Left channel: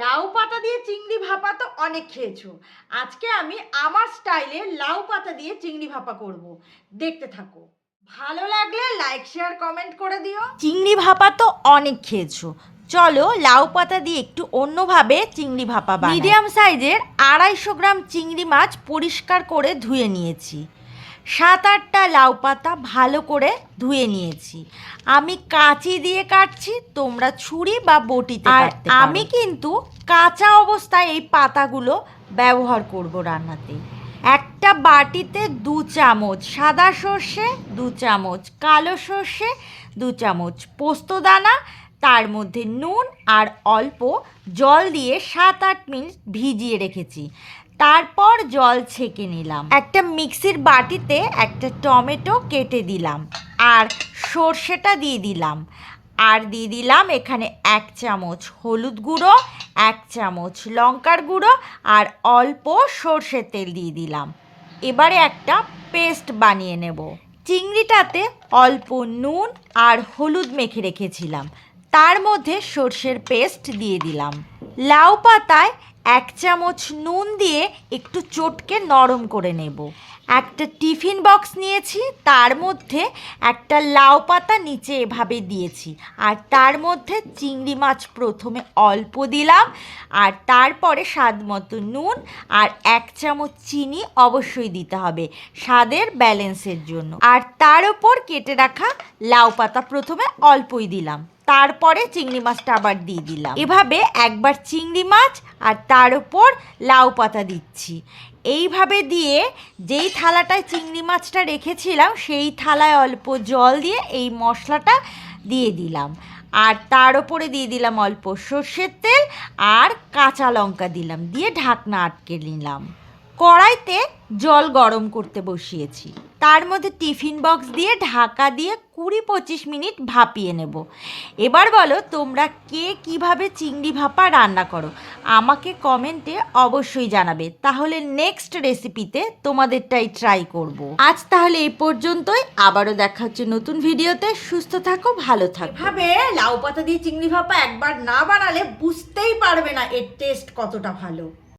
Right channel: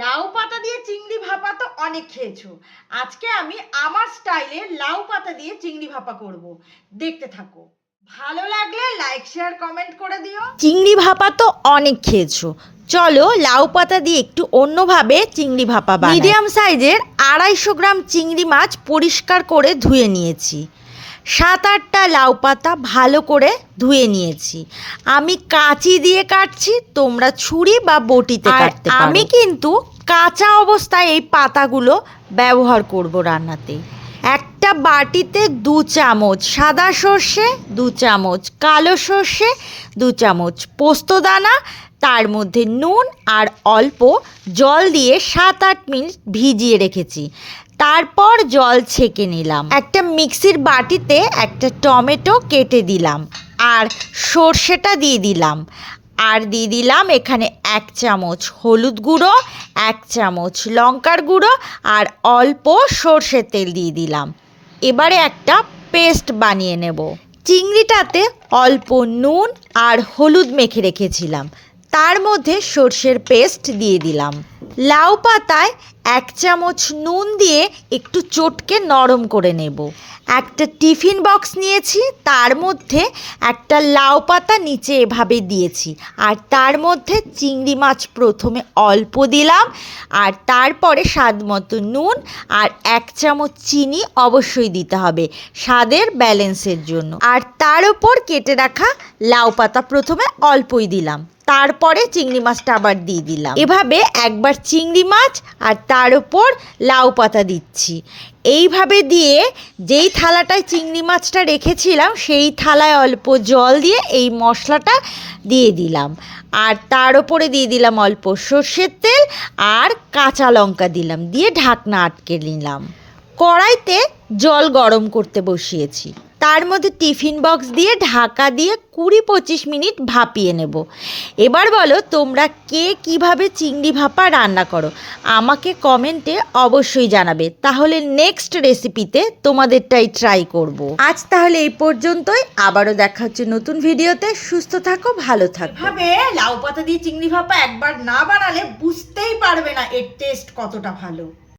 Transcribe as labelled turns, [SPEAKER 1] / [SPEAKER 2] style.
[SPEAKER 1] লাউ পাতা দিয়ে চিংড়ি ভাপা তো অনেক খেয়েছো। আজকে আমি আমার স্টাইলে লাউ পাতা দিয়ে চিংড়ি ভাপা করব। দেখতে থাকো। ভালো লাগলে লাইক শেয়ার কমেন্ট করে দিও। চিংড়ি ভাপা তো অনেক খেয়েছো। চলো লাউ পাতা দিয়ে একটু অন্যভাবে চিংড়ি ভাপা মিডিয়াম সাইজের আড়াইশো গ্রাম চিংড়ি মাছ পরিষ্কার করে ধুয়ে নিয়েছি। সাত আটটা লাউ পাতা ভালো করে ধুয়ে নিয়েছি। আমি কাঁচি দিয়ে কাটছি তোমরা ছুরি বা বটিতে কাটতে আমি কিন্তু কাঁচা অবস্থায় এই পাতাগুলো ব্যবহার করব রান্নাতে। একটা বাটিতে দু চামচ সাদা সর্ষে দু চামচ কালো সর্ষে দু চামচ পোস্তদানা তার মধ্যে নুন আর অল্প জল দিয়ে সাত আট মিনিট ভিজিয়ে রেখেছি। তারপর জল ছেঁকে নিলাম। একটা মিক্সির বাটিতে একটা টমেটো কেটে দিলাম আর সর্ষেটা দিয়ে দিলাম। আর দিয়ে দিলাম এখানে এক চামচ হলুদ গুঁড়ো, এক চামচ লঙ্কার গুঁড়ো আর অল্প সর্ষের তেল দিয়ে দিলাম। এবারে একটা পেস্ট বানিয়ে নেব। চিংড়িটাতে অল্প নুন আর হলুদ মেখে রেখেছিলাম। তার মধ্যে সর্ষের পেস্ট দিয়ে দিলাম। লাউ পাতায় এক চামচ নুন দিয়ে একটু চটকে নরম করে নেব। একটা টিফিন বক্স নিয়েছি, তার মধ্যে একটা লাউ পাতা নিচে এভাবে দিয়েছি। আর তার মধ্যে চিংড়ি মাছ প্রথমে অল্প দিলাম, আর তারপরে স্বাদ মতো নুন আর এক চামচ চিনি অবশ্যই দিতে হবে স্বাদের ব্যালেন্সের জন্য। আর তার ওপর কেটে রাখা লাউ পাতা প্রথমে অল্পই দিলাম। তারপরে চিংড়ি মাছটা আবার দিয়ে দিলাম। এভাবে একবার চিংড়ি মাছ আর তার ওপর লাউ পাতা দিচ্ছি। এইভাবে দিয়ে যেই থালাটায় চিংড়ি মাছটা রেখেছিলাম, সেই থালায় অল্প জল দিয়ে এই মশলাটা দিয়ে দিলাম। আর তার ওপরে দিয়ে দিলাম অল্প সর্ষের তেল আর কাঁচা লঙ্কা দিলাম, দিয়ে ঢাকনা আটকে নিলাম। কড়াইতে জল গরম করতে বসিয়েছি। তার মধ্যে টিফিন বক্স দিয়ে ঢাকা দিয়ে কুড়ি পঁচিশ মিনিট ভাপিয়ে নেব। এবার বলো তোমরা কে কীভাবে চিংড়ি ভাপা রান্না করো? আমাকে কমেন্টে অবশ্যই জানাবে। তাহলে নেক্সট রেসিপিতে তোমাদেরটাই ট্রাই করব। আজ তাহলে এই পর্যন্তই। আবারও দেখা হচ্ছে নতুন ভিডিওতে সুস্থ থাকো, ভালো থাকো। এভাবে লাউ পাতা দিয়ে চিংড়ি ভাপা একবার না বানালে বুঝতেই পারবে না এর টেস্ট কতটা ভালো।